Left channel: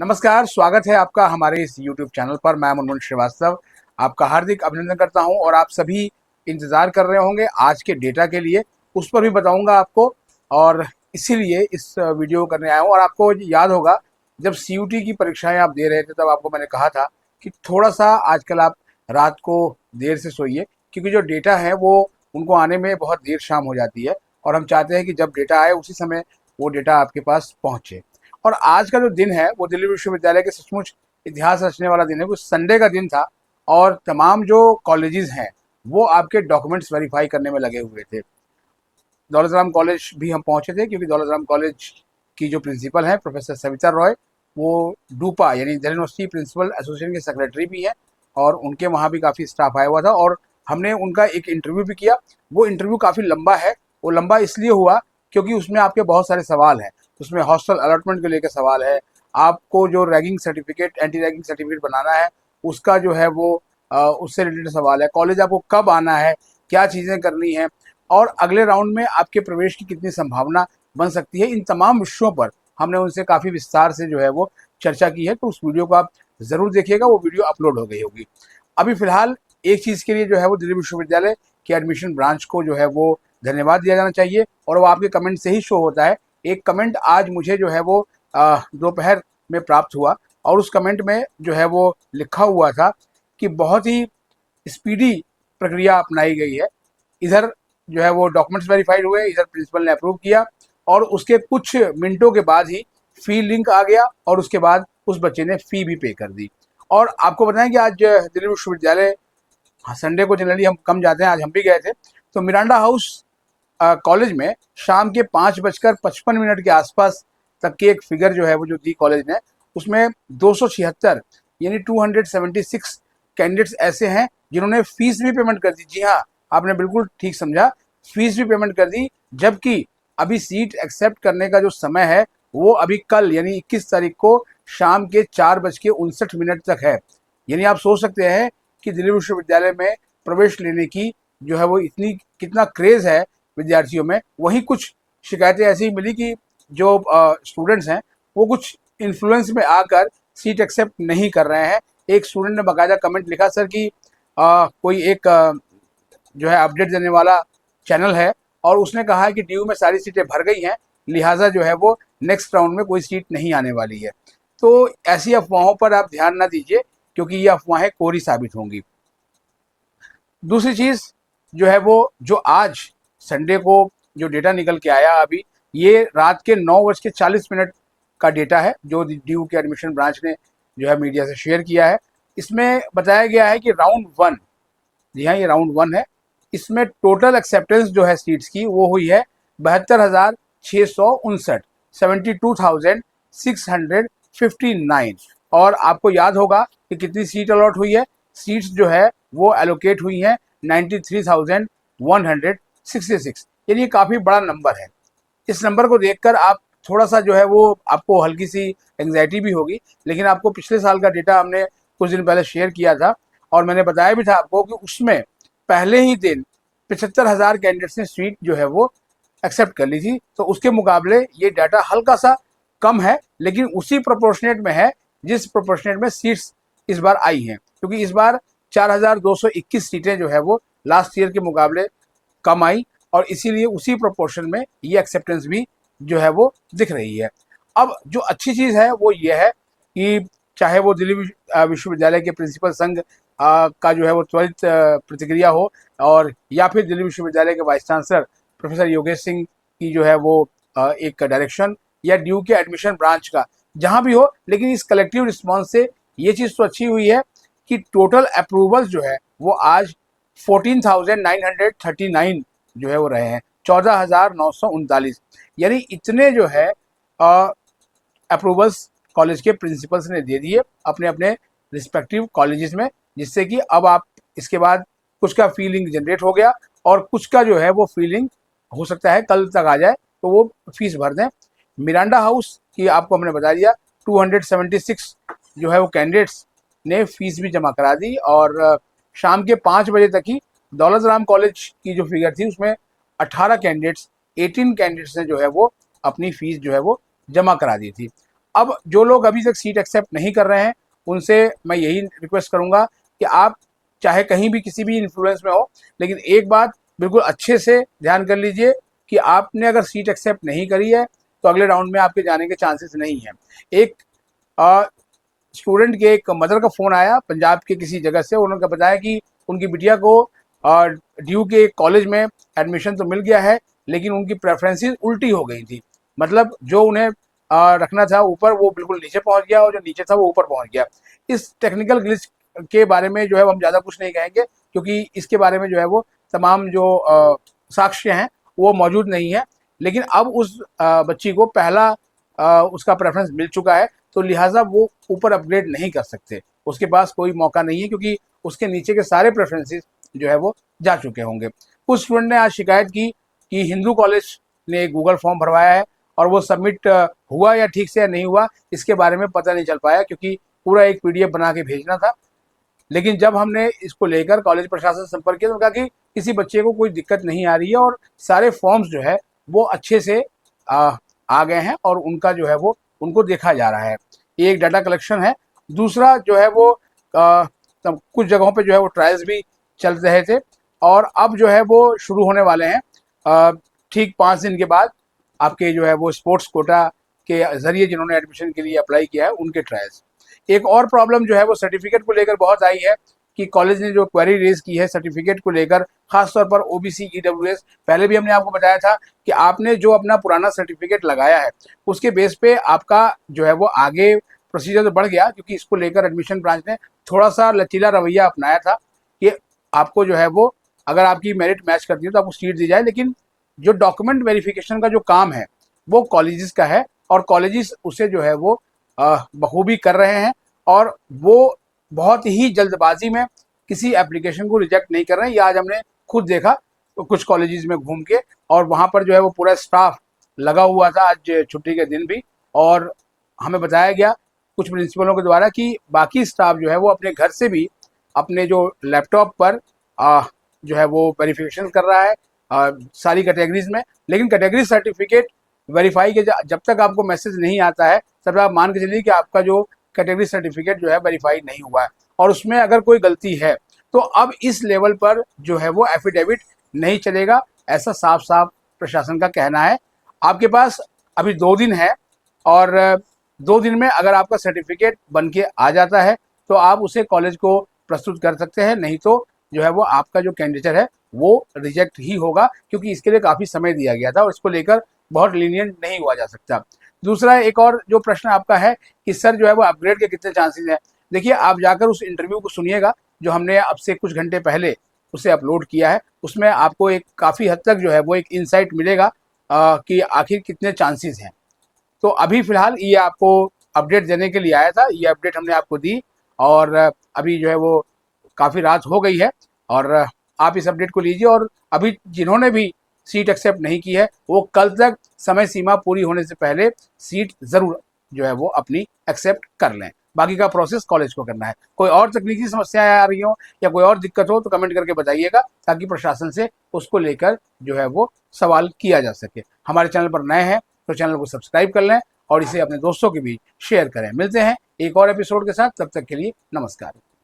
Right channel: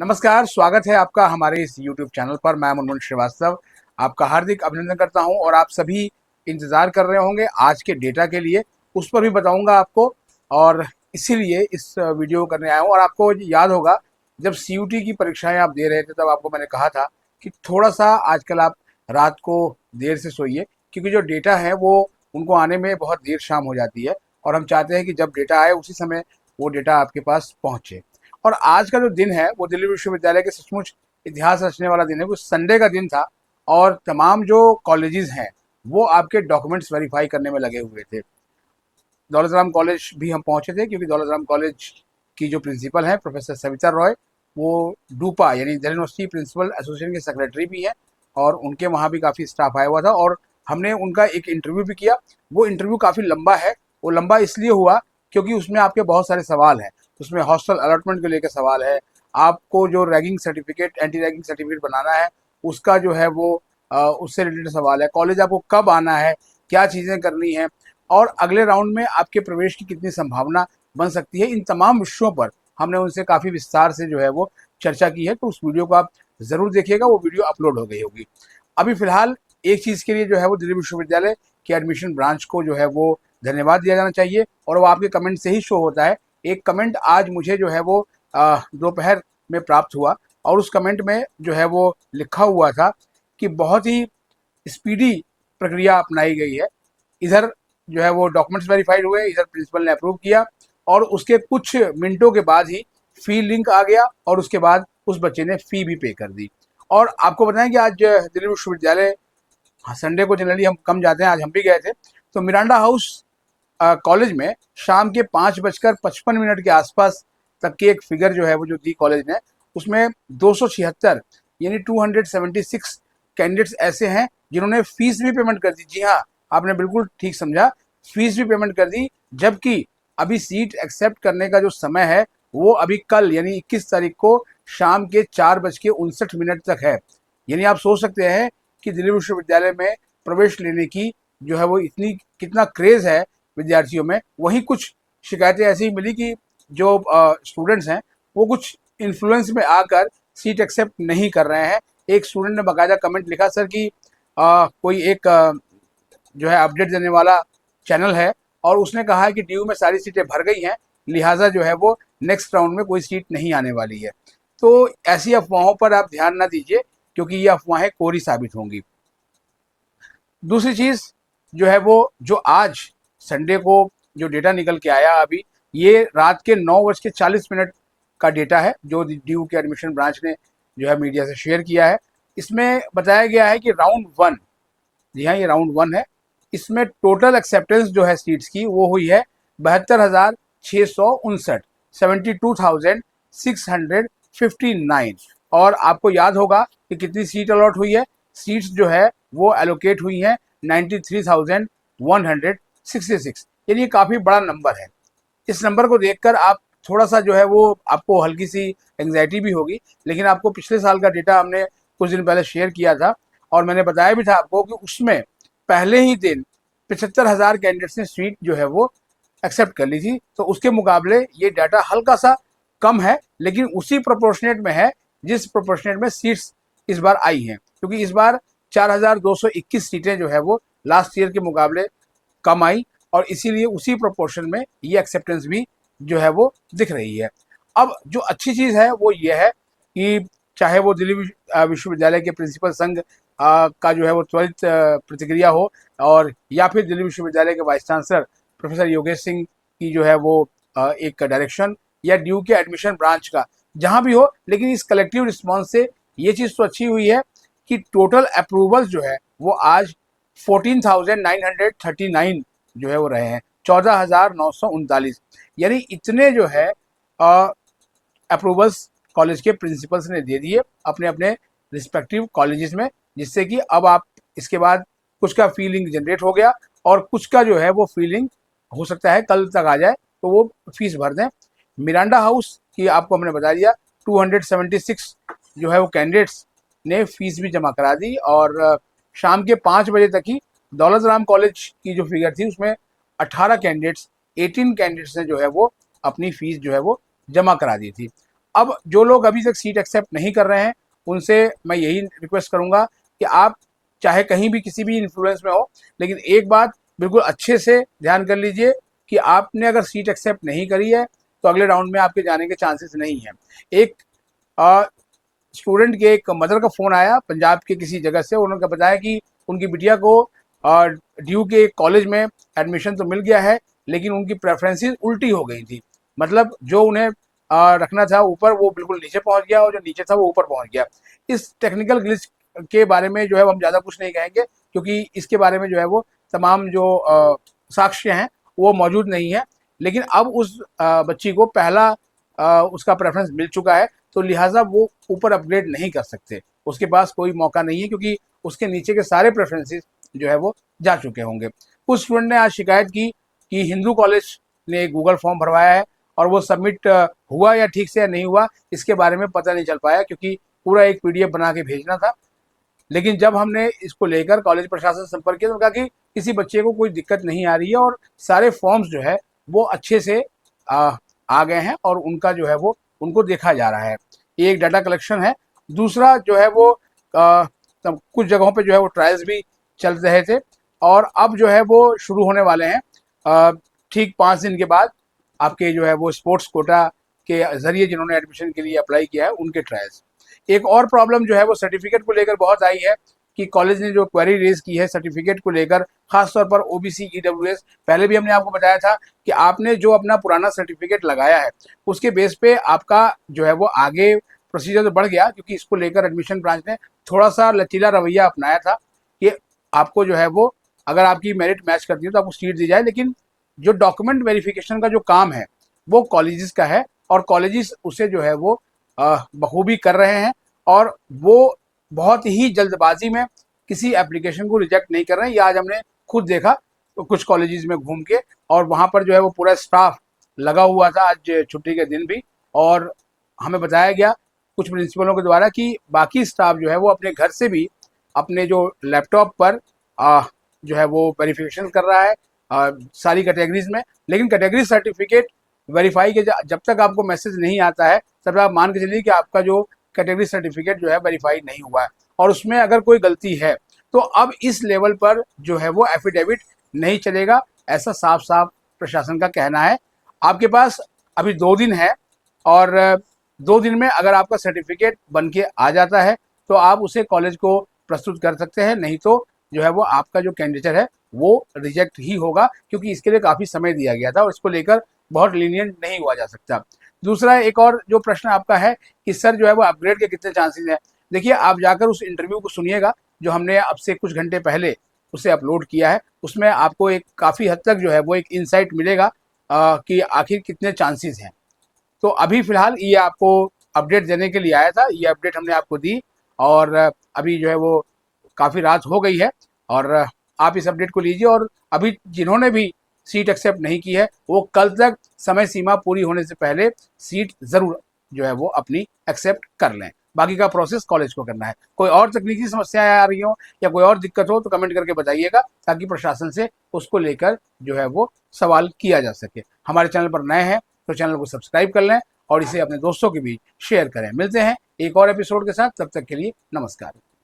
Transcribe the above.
नमस्कार, स्वागत है आपका हमारे इस YouTube चैनल पर। मैं मनोज श्रीवास्तव आपका हार्दिक अभिनंदन करता हूं और आप सभी इंतज़ार कर रहे होंगे आज के डेटा के लिए। उस पर भी बताऊंगा आपको और इसीलिए इस वीडियो को करने आया हूं। और आपको याद होगा जब CUT की परीक्षाएं आप दे रहे थे तब आपको मैंने कहा था कि थोड़ा सा आजकल आप रात को देर से सोइए, क्योंकि जो डेटा है वो उनको आने में बहुत देर शाम हो जाती है और हम चाहते हैं कि जब डेटा आए उसी समय वो डेटा आपके पास पहुँचे। और आज का जो दिन है वो दिल्ली विश्वविद्यालय के सचमुच इतिहास रचने वाला दिन है। कुछ संडे का दिन था और तमाम जो कॉलेजेस हैं वो आपके डॉक्यूमेंट्स वेरीफाई करने में लगे हुए थे। दौलत राम कॉलेज भी हम पहुंचे थे, क्योंकि दौलत राम कॉलेज की जो प्रिंसिपल हैं प्रोफेसर सविता रॉय, वो डूपा यानी दिल्ली यूनिवर्सिटी प्रिंसिपल एसोसिएशन के सेक्रेटरी भी हैं और उनके वहाँ भी काफ़ी स्टाफ आया हुआ था और हमने उनका एक इंटरव्यू भी किया। वो इंटरव्यू काफ़ी लंबा है। वो लंबा इसलिए हुआ क्योंकि उसमें आपके बहुत सारे सवाल हैं। उसमें हॉस्टल अलॉटमेंट को लेकर सवाल है, आपको जो ragging certificate, anti ragging certificate बनाना है उसका जो है वो उससे रिलेटेड सवाल है, कॉलेज आपको कब आना है, क्या चीज़ें करनी है और अगले राउंड में आपके प्रवेश की कितनी संभावना बन सकती है। इन तमाम विषयों पर हमने उनसे काफ़ी विस्तार से जो है वो चर्चा की है। तो उस वीडियो को आप ज़रूर देखिएगा, वो वीडियो अपलोड हो गई होगी। अभी फ़िलहाल एक चीज़ के लिए जो है वो दिल्ली विश्वविद्यालय के एडमिशन ब्रांच को जो है वो धन्यवाद दिया जाना चाहिए और वो आपके कमेंट से ही शो होता है। एक कमेंट आज मुझे जो है वो दोपहर में प्राप्त हुआ और उस कमेंट में जो है वो लिखा हुआ था कि बहुत ही स्पीडी प्रक्रिया अपनाई गई है। इधर जो है वो डॉक्यूमेंट्स वेरीफाइड हुए, इधर प्रिंसिपल ने अप्रूव किया और उसके कुछ मिनटों के बाद ही फी लिंक आ गया और उसके बाद उस बच्चे ने फी भी पे कर दी। और आपको बताएं कि आज दिल्ली विश्वविद्यालय, हाँ, संडे को जनरली हम कम जाते हैं, आज हम भी गए थे। तो मिरांडा हाउस कॉलेज में शाम के 5:55 के आसपास तक की एक फिगर जो है वो जो दी कॉलेज ने, उसमें 276 यानी 276 कैंडिडेट्स ऐसे हैं जिन्होंने फीस भी पेमेंट कर दी। जी हाँ, आपने बिल्कुल ठीक समझा, फीस भी पेमेंट कर दी। जबकि अभी सीट एक्सेप्ट करने का जो समय है वो अभी कल यानी 21 तारीख को शाम के 4:59 तक है। यानी आप सोच सकते हैं कि दिल्ली विश्वविद्यालय में प्रवेश लेने की जो है वो इतनी कितना क्रेज है विद्यार्थियों में। वहीं कुछ शिकायतें ऐसी मिली कि जो स्टूडेंट्स हैं वो कुछ इन्फ्लुएंस में आकर सीट एक्सेप्ट नहीं कर रहे हैं। एक स्टूडेंट ने बाकायदा कमेंट लिखा, सर कि कोई एक जो है अपडेट देने वाला चैनल है और उसने कहा है कि DU में सारी सीटें भर गई हैं, लिहाजा जो है वो नेक्स्ट राउंड में कोई सीट नहीं आने वाली है। तो ऐसी अफवाहों पर आप ध्यान ना दीजिए, क्योंकि ये अफवाहें कोरी साबित होंगी। दूसरी चीज़ जो है वो जो आज संडे को जो डेटा निकल के आया अभी, ये रात के 9:40 का डेटा है जो DU के एडमिशन ब्रांच ने जो है मीडिया से शेयर किया है। इसमें बताया गया है कि राउंड 1, जी हाँ ये राउंड 1 है, इसमें टोटल एक्सेप्टेंस जो है सीट्स की वो हुई है 72,659, 72,659। और आपको याद होगा कि कितनी सीट अलॉट हुई है। सीट्स जो है वो एलोकेट हुई है 93,166, यानी काफ़ी बड़ा नंबर है। इस नंबर को देखकर आप थोड़ा सा जो है वो आपको हल्की सी एंग्जाइटी भी होगी, लेकिन आपको पिछले साल का डेटा हमने कुछ दिन पहले शेयर किया था और मैंने बताया भी था आपको कि उसमें पहले ही दिन 75,000 कैंडिडेट्स ने सीट जो है वो एक्सेप्ट कर ली थी। तो उसके मुकाबले ये डाटा हल्का सा कम है, लेकिन उसी प्रोपोर्शनेट में है जिस प्रोपोर्शनेट में सीट्स इस बार आई हैं, क्योंकि इस बार 4,221 सीटें जो है वो लास्ट ईयर के मुकाबले कम आई और इसीलिए उसी प्रोपोर्शन में ये एक्सेप्टेंस भी जो है वो दिख रही है। अब जो अच्छी चीज़ है वो ये है कि चाहे वो दिल्ली विश्वविद्यालय के प्रिंसिपल संघ का जो है वो त्वरित प्रतिक्रिया हो और या फिर दिल्ली विश्वविद्यालय के vice chancellor professor Yogesh Singh की जो है वो एक डायरेक्शन या DU के एडमिशन ब्रांच का, जहाँ भी हो, लेकिन इस कलेक्टिव रिस्पॉन्स से ये चीज़ तो अच्छी हुई है कि टोटल अप्रूवल्स जो है वो आज 14,939 जो है वो रहे हैं, 14,939, यानी इतने जो है अप्रूवल्स कॉलेज के प्रिंसिपल्स ने दे दिए अपने अपने रिस्पेक्टिव कॉलेजेस में, जिससे कि अब आप इसके बाद कुछ का फीलिंग जनरेट हो गया और कुछ का जो है वो फीलिंग हो सकता है कल तक आ जाए तो वो फीस भर दें। मिरांडा हाउस की आपको हमने बता दिया 276 जो है वो कैंडिडेट्स ने फीस भी जमा करा दी और शाम के 5 बजे तक ही दौलत राम कॉलेज की जो फिगर थी उसमें 18 कैंडिडेट्स ने जो है वो अपनी फीस जो है वो जमा करा दी थी। अब जो लोग अभी तक सीट एक्सेप्ट नहीं कर रहे हैं उनसे मैं यही रिक्वेस्ट करूंगा कि आप चाहे कहीं भी किसी भी इन्फ्लुएंस में हो, लेकिन एक बात बिल्कुल अच्छे से ध्यान कर लीजिए कि आपने अगर सीट एक्सेप्ट नहीं करी है तो अगले राउंड में आपके जाने के चांसेस नहीं है। एक स्टूडेंट के एक मदर का फ़ोन आया पंजाब के किसी जगह से, उन्होंने बताया कि उनकी बिटिया को ड्यू के कॉलेज में एडमिशन तो मिल गया है, लेकिन उनकी प्रेफरेंसेस उल्टी हो गई थी। मतलब जो उन्हें रखना था ऊपर वो बिल्कुल नीचे पहुंच गया और जो नीचे था वो ऊपर पहुंच गया। इस टेक्निकल ग्लिच के बारे में जो है वो हम ज़्यादा कुछ नहीं कहेंगे, क्योंकि इसके बारे में जो है वो तमाम जो साक्ष्य हैं वो मौजूद नहीं है। लेकिन अब उस बच्ची को पहला उसका प्रेफरेंस मिल चुका है, तो लिहाजा वो ऊपर अपग्रेड नहीं कर सकते, उसके पास कोई मौका नहीं है, क्योंकि उसके नीचे के सारे प्रेफरेंसेस जो है वो जा चुके होंगे। कुछ स्टूडेंट ने आज शिकायत की कि हिंदू कॉलेज ने गूगल फॉर्म भरवाया है और वो सबमिट हुआ या ठीक से या नहीं हुआ इसके बारे में पता नहीं चल पाया, क्योंकि पूरा एक पीडीएफ बना के भेजना था। लेकिन जब हमने इसको लेकर कॉलेज प्रशासन से संपर्क किया तो कहा कि किसी बच्चे को कोई दिक्कत नहीं आ रही है और सारे फॉर्म्स जो है वो अच्छे से आ गए हैं और उनका जो है वो उनको देखा जा रहा है। ये एक डाटा कलेक्शन है। दूसरा जो है वो कुछ जगहों पे जो है वो ट्रायल्स भी चल रहे थे और अब जो है वो शुरू होने वाले हैं ठीक 5 दिन के बाद। आपके जो है वो स्पोर्ट्स कोटा के जरिए जिन्होंने एडमिशन के लिए अप्लाई किया है उनके ट्रायल्स। एक और प्रॉब्लम जो है वो सर्टिफिकेट को लेकर बहुत आई है कि कॉलेज ने जो क्वेरी रेज की है सर्टिफिकेट को लेकर, खासतौर पर ओबीसी ईडब्ल्यूएस। पहले भी हमने आपको बताया था कि आपने जो अपना पुराना सर्टिफिकेट लगाया है उसके बेस पे आपका जो है वो आगे प्रोसीजर तो बढ़ गया, क्योंकि इसको लेकर एडमिशन ब्रांच ने थोड़ा सा लचीला रवैया अपनाया था कि आपको जो है वो अगर आपकी मेरिट मैच करती है तो आपको सीट दी जाए, लेकिन जो डॉक्यूमेंट वेरिफिकेशन का जो काम है वो कॉलेजेस का है और कॉलेजेस उसे जो है वो बखूबी कर रहे हैं और वो बहुत ही जल्दबाजी में किसी एप्लीकेशन को रिजेक्ट नहीं कर रहे हैं। ये आज हमने खुद देखा तो कुछ कॉलेजेस में घूम के, और वहाँ पर जो है वो पूरा स्टाफ लगा हुआ था आज छुट्टी के दिन भी, और हमें बताया गया कुछ प्रिंसिपलों के द्वारा कि बाकी स्टाफ जो है वो अपने घर से भी अपने जो लैपटॉप पर जो है वो वेरिफिकेशन कर रहा है सारी कैटेगरीज में। लेकिन कैटेगरी सर्टिफिकेट वेरीफाई के जब तक आपको मैसेज नहीं आता है तब आप मान के चलिए कि आपका जो कैटेगरी सर्टिफिकेट जो है वेरीफाई नहीं हुआ है, और उसमें अगर कोई गलती है तो अब इस लेवल पर जो है वो एफिडेविट नहीं चलेगा, ऐसा साफ साफ प्रशासन का कहना है। आपके पास अभी 2 दिन है और 2 दिन में अगर आपका सर्टिफिकेट बन के आ जाता है तो आप उसे कॉलेज को प्रस्तुत कर सकते हैं, नहीं तो जो है वो आपका जो कैंडिडेट है वो रिजेक्ट ही होगा, क्योंकि इसके लिए काफ़ी समय दिया गया था और इसको लेकर बहुत लीनियंट नहीं हुआ जा सकता। दूसरा एक और जो प्रश्न आपका है कि सर जो है वो अपग्रेड के कितने चांसेस हैं, देखिए आप जाकर उस इंटरव्यू को सुनिएगा जो हमने अब से कुछ घंटे पहले उसे अपलोड किया है। उसमें आपको एक काफ़ी हद तक जो है वो एक इंसाइट मिलेगा कि आखिर कितने चांसेस हैं। तो अभी फ़िलहाल ये आपको अपडेट देने के लिए आया था, ये अपडेट हमने आपको दी और अभी जो है वो काफ़ी रात हो गई है और आप इस अपडेट को लीजिए। और अभी जिन्होंने भी सीट एक्सेप्ट नहीं की है वो कल तक समय सीमा पूरी होने से पहले सीट ज़रूर जो है वो अपनी एक्सेप्ट कर लें। बाकी का प्रोसेस कॉलेज को करना है। कोई और तकनीकी समस्याएं आ रही हो या कोई और दिक्कत हो तो कमेंट करके बताइएगा, ताकि प्रशासन से उसको लेकर जो है वो सवाल किया जा सके। हमारे चैनल पर नए हैं तो चैनल को सब्सक्राइब कर लें और इसे अपने दोस्तों के बीच शेयर करें। मिलते हैं एक और एपिसोड के साथ, तब तक के लिए नमस्कार।